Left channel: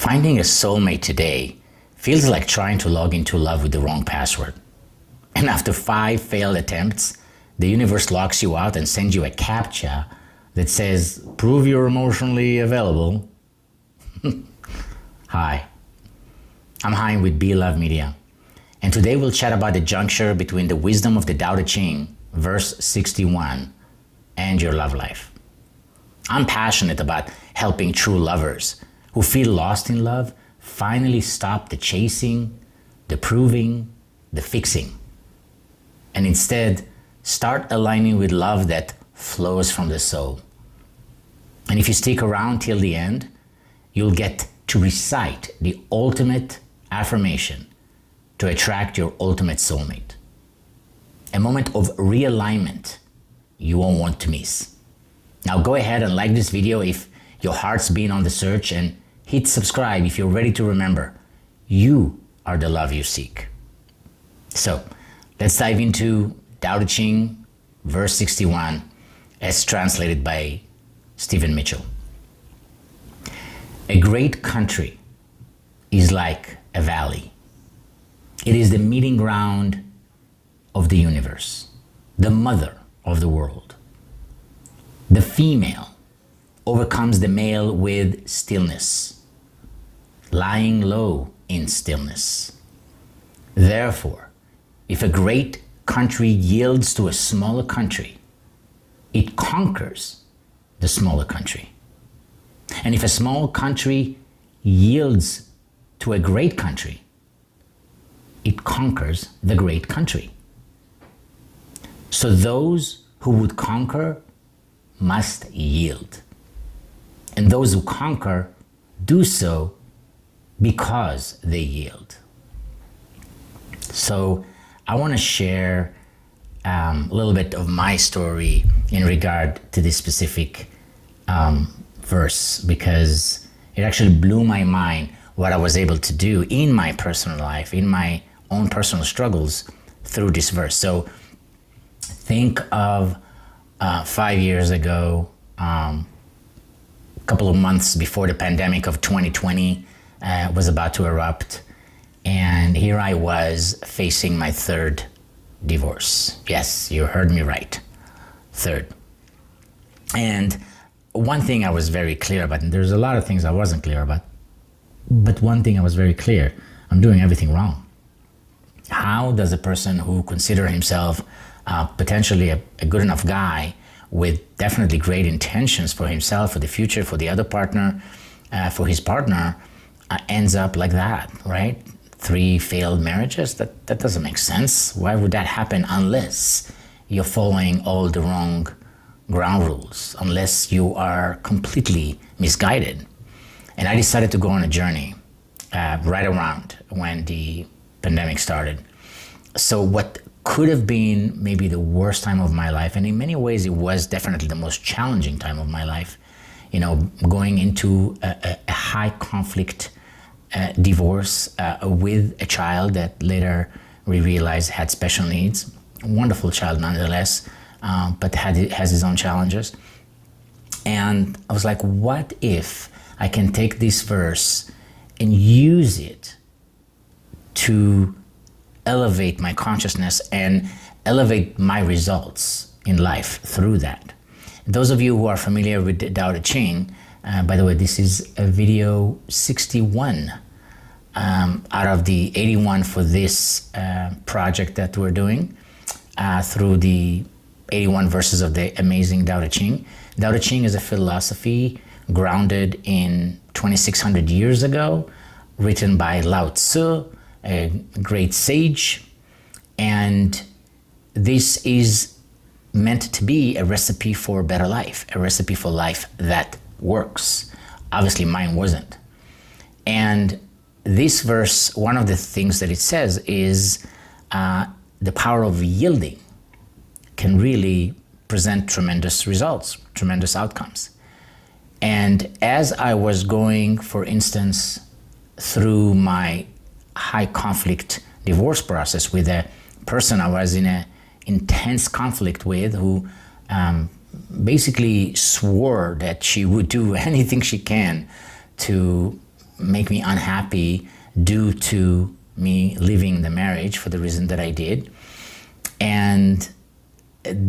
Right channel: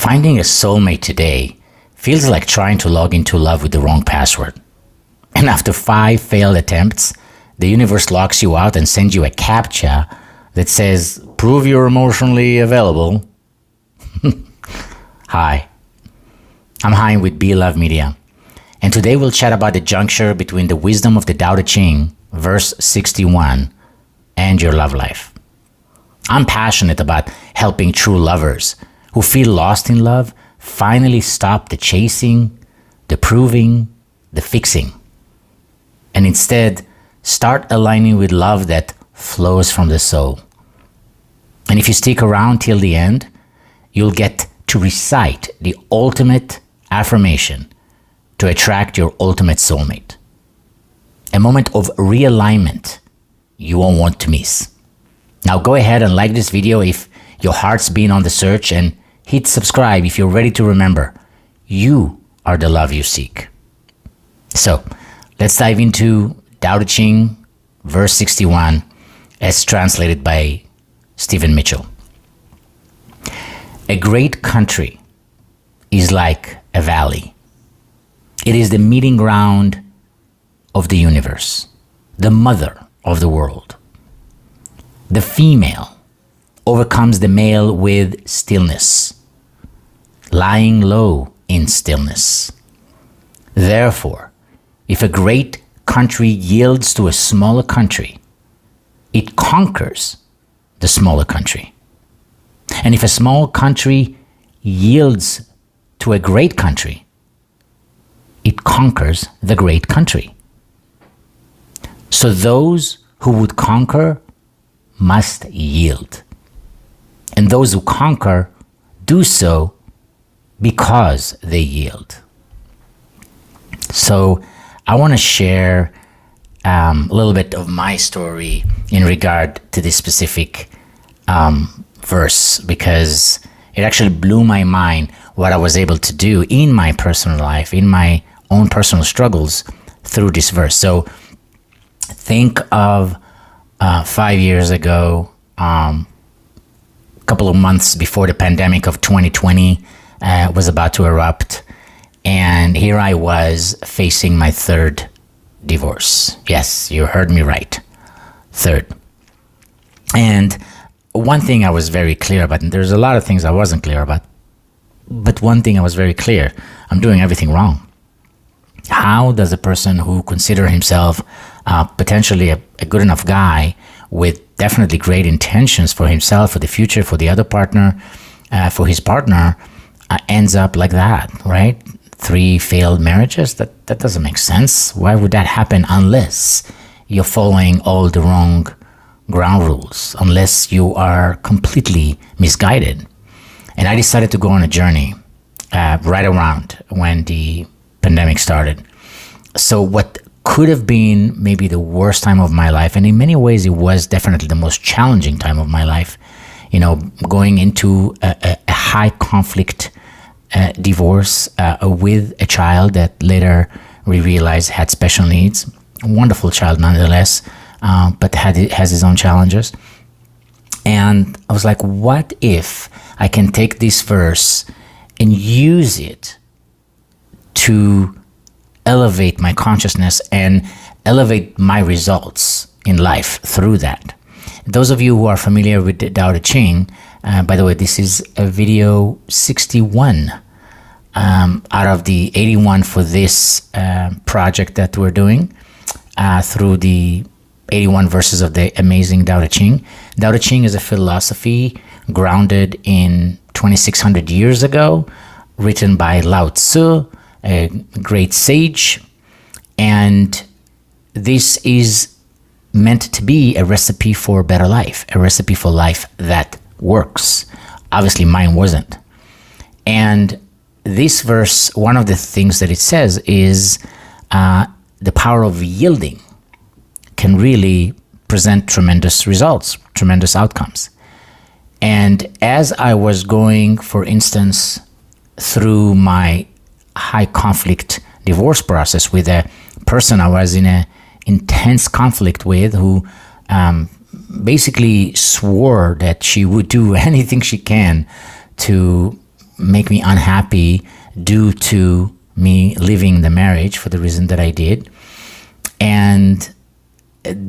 Finding a soulmate today feels like trying to log into love with the wrong password. And after 5 failed attempts, the universe locks you out and sends you a CAPTCHA that says, "Prove you're emotionally available." Hi, I'm Hein with Be Love Media, and today we'll chat about the juncture between the wisdom of the Tao Te Ching Verse 61 and your love life. I'm passionate about helping true lovers who feel lost in love finally stop the chasing, the proving, the fixing, and instead start aligning with love that flows from the soul. And if you stick around till the end, you'll get to recite the ultimate affirmation to attract your ultimate soulmate. A moment of realignment you won't want to miss. Now go ahead and like this video if your heart's been on the search, and hit subscribe if you're ready to remember you are the love you seek. So let's dive into Tao Te Ching Verse 61 as translated by Stephen Mitchell. A great country is like a valley. It is the meeting ground of the universe, the mother of the world. The female overcomes the male with stillness, lying low in stillness. Therefore, if a great country yields to a smaller country, it conquers the smaller country. And if a small country yields to a great country, it conquers the great country. So those who would conquer must yield. And those who conquer do so because they yield. So I want to share a little bit of my story in regard to this specific verse, because it actually blew my mind what I was able to do in my personal life, in my own personal struggles through this verse. So think of 5 years ago, a couple of months before the pandemic of 2020 was about to erupt. And here I was facing my third divorce. Yes, you heard me right. Third. And one thing I was very clear about, and there's a lot of things I wasn't clear about, but one thing I was very clear, I'm doing everything wrong. How does a person who considers himself potentially a good enough guy with definitely great intentions for himself, for the future, for the other partner, for his partner, ends up like that, right? 3 failed marriages? That doesn't make sense. Why would that happen unless you're following all the wrong ground rules, unless you are completely misguided? And I decided to go on a journey right around when the pandemic started. So what could have been maybe the worst time of my life, and in many ways it was definitely the most challenging time of my life, going into a high conflict divorce with a child that later we realized had special needs. A wonderful child nonetheless, but has his own challenges. And I was like, what if I can take this verse and use it to elevate my consciousness and elevate my results in life through that? Those of you who are familiar with the Tao Te Ching, by the way, this is a video 61 out of the 81 for this project that we're doing through the 81 verses of the amazing Tao Te Ching. Tao Te Ching is a philosophy grounded in 2,600 years ago, written by Lao Tzu, a great sage. And this is meant to be a recipe for a better life, a recipe for life that works. Obviously, mine wasn't. And this verse, one of the things that it says is the power of yielding can really present tremendous results, tremendous outcomes. And as I was going, for instance, through my high conflict divorce process with a person I was in an intense conflict with, who basically swore that she would do anything she can to make me unhappy due to me leaving the marriage for the reason that I did, and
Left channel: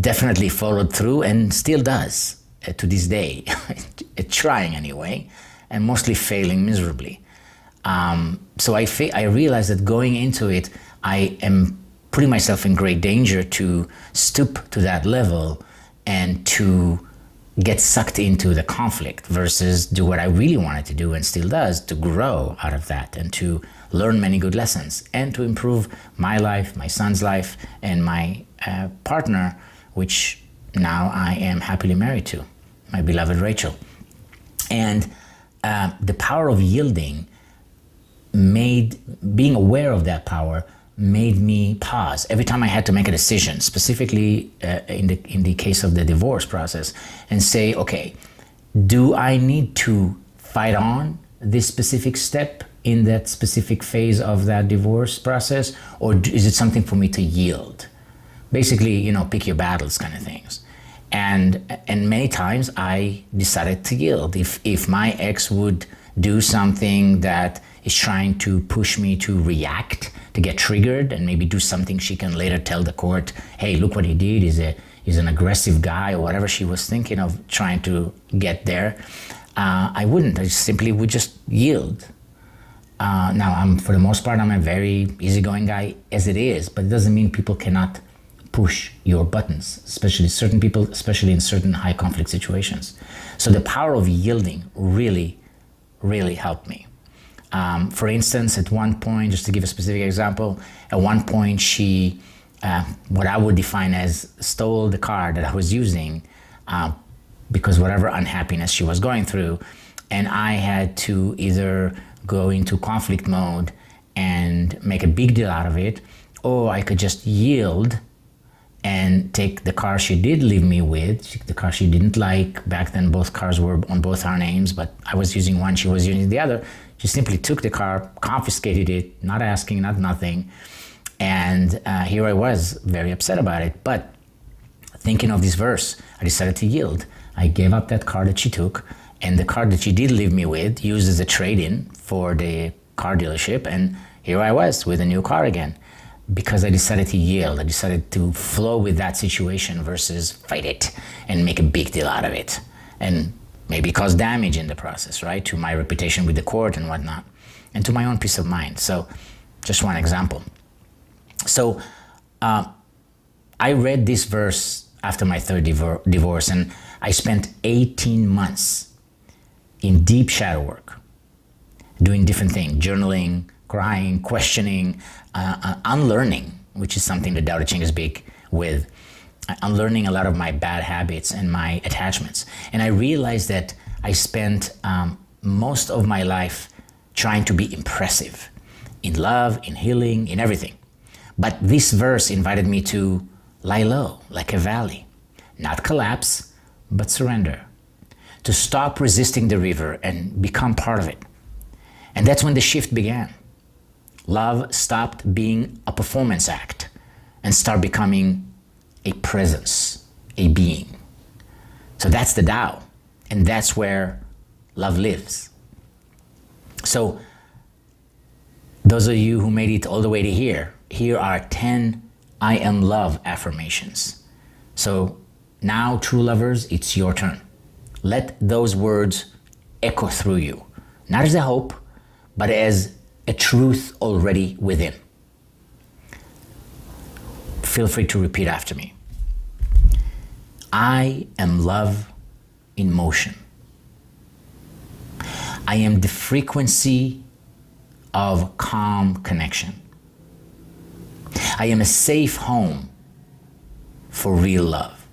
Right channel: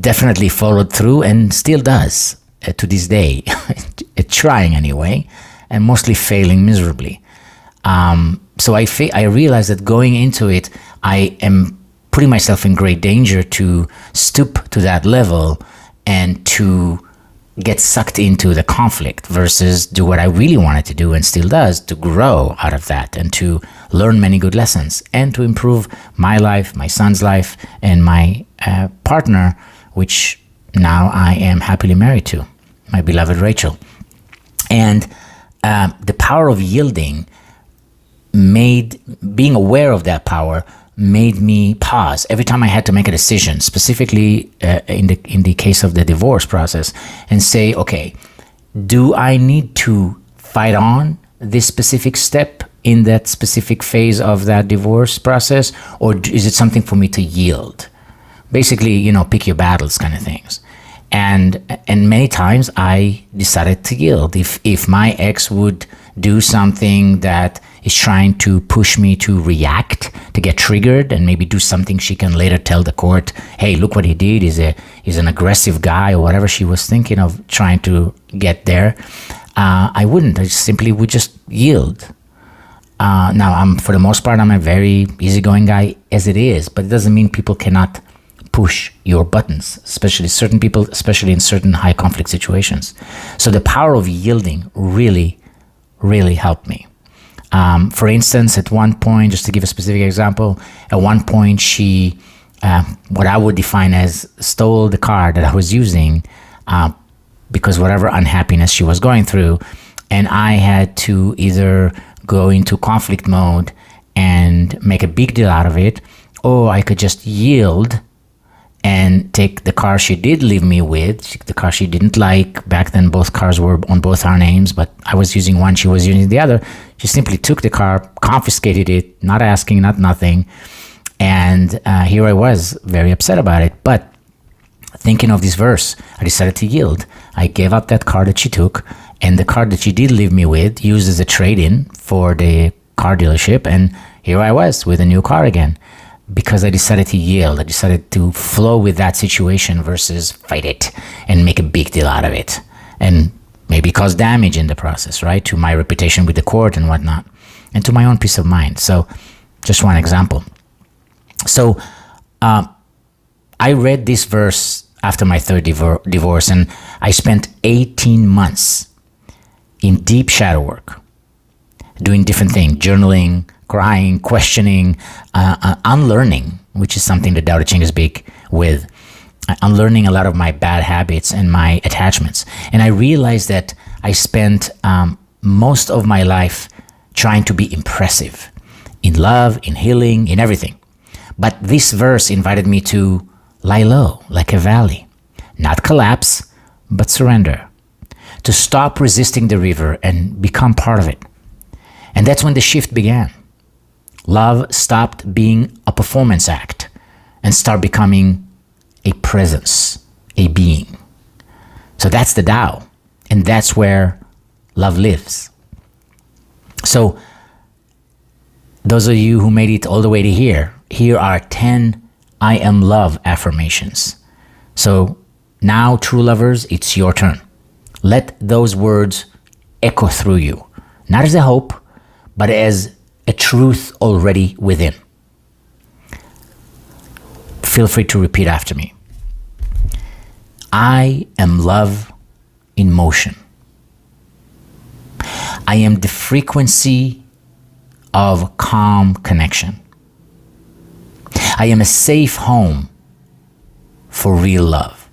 definitely followed through and still does to this day, trying anyway, and mostly failing miserably. So I realized that going into it, I am putting myself in great danger to stoop to that level and to get sucked into the conflict versus do what I really wanted to do and still does, to grow out of that and to learn many good lessons and to improve my life, my son's life, and my partner, which now I am happily married to, my beloved Rachel. And the power of yielding being aware of that power made me pause every time I had to make a decision, specifically in the case of the divorce process, and say, okay, do I need to fight on this specific step in that specific phase of that divorce process, or is it something for me to yield? Basically, pick your battles kind of things. And many times I decided to yield. If my ex would do something that is trying to push me to react, to get triggered, and maybe do something she can later tell the court, hey, look what he did, he's an aggressive guy, or whatever she was thinking of trying to get there, I wouldn't. I simply would just yield. Now, for the most part, I'm a very easygoing guy as it is, but it doesn't mean people cannot push your buttons, especially certain people, especially in certain high conflict situations. So the power of yielding really, really helped me. For instance, at one point, just to give a specific example, at one point she, what I would define as, stole the car that I was using because whatever unhappiness she was going through, and I had to either go into conflict mode and make a big deal out of it, or I could just yield and take the car she did leave me with, the car she didn't like. Back then, both cars were on both our names, but I was using one, she was using the other. She simply took the car, confiscated it, not asking, not nothing. And here I was, very upset about it. But thinking of this verse, I decided to yield. I gave up that car that she took, and the car that she did leave me with, used as a trade-in for the car dealership. And here I was with a new car again, because I decided to yield. I decided to flow with that situation versus fight it and make a big deal out of it and maybe cause damage in the process, right? To my reputation with the court and whatnot, and to my own peace of mind. So just one example. So I read this verse after my third divorce, and I spent 18 months in deep shadow work, doing different things, journaling, crying, questioning, unlearning, which is something that Tao Te Ching is big with, unlearning a lot of my bad habits and my attachments. And I realized that I spent most of my life trying to be impressive in love, in healing, in everything. But this verse invited me to lie low like a valley, not collapse, but surrender, to stop resisting the river and become part of it. And that's when the shift began. Love stopped being a performance act and started becoming a presence, a being. So that's the Tao, and that's where love lives. So those of you who made it all the way to here are 10 I am love affirmations. So now, true lovers, it's your turn. Let those words echo through you, not as a hope, but as a truth already within. Feel free to repeat after me. I am love in motion. I am the frequency of calm connection. I am a safe home for real love.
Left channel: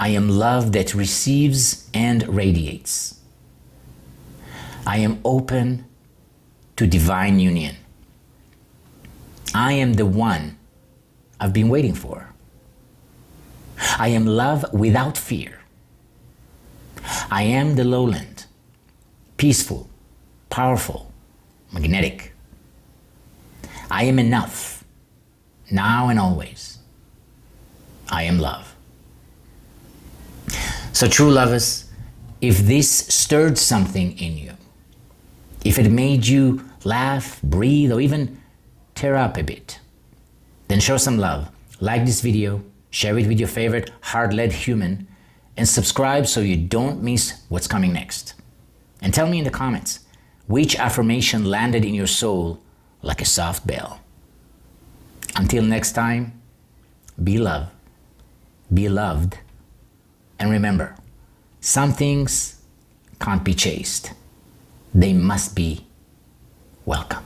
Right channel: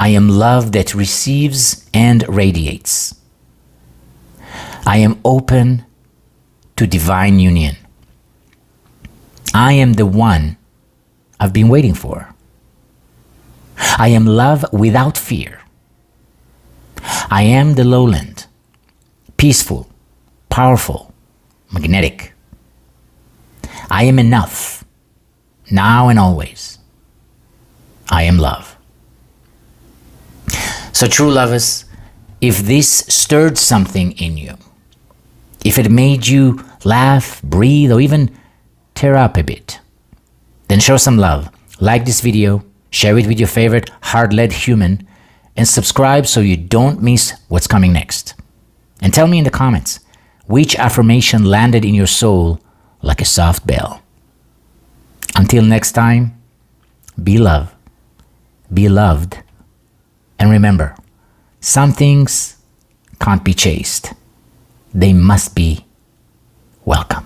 I am love that receives and radiates. I am open to divine union. I am the one I've been waiting for. I am love without fear. I am the lowland, peaceful, powerful, magnetic. I am enough, now and always. I am love. So true lovers, if this stirred something in you, If it made you laugh, breathe, or even tear up a bit, then show some love. Like this video, share it with your favorite heart-led human, and subscribe so you don't miss what's coming next. And tell me in the comments, which affirmation landed in your soul like a soft bell? Until next time, be loved, be loved, and remember, some things can't be chased. They must be welcome.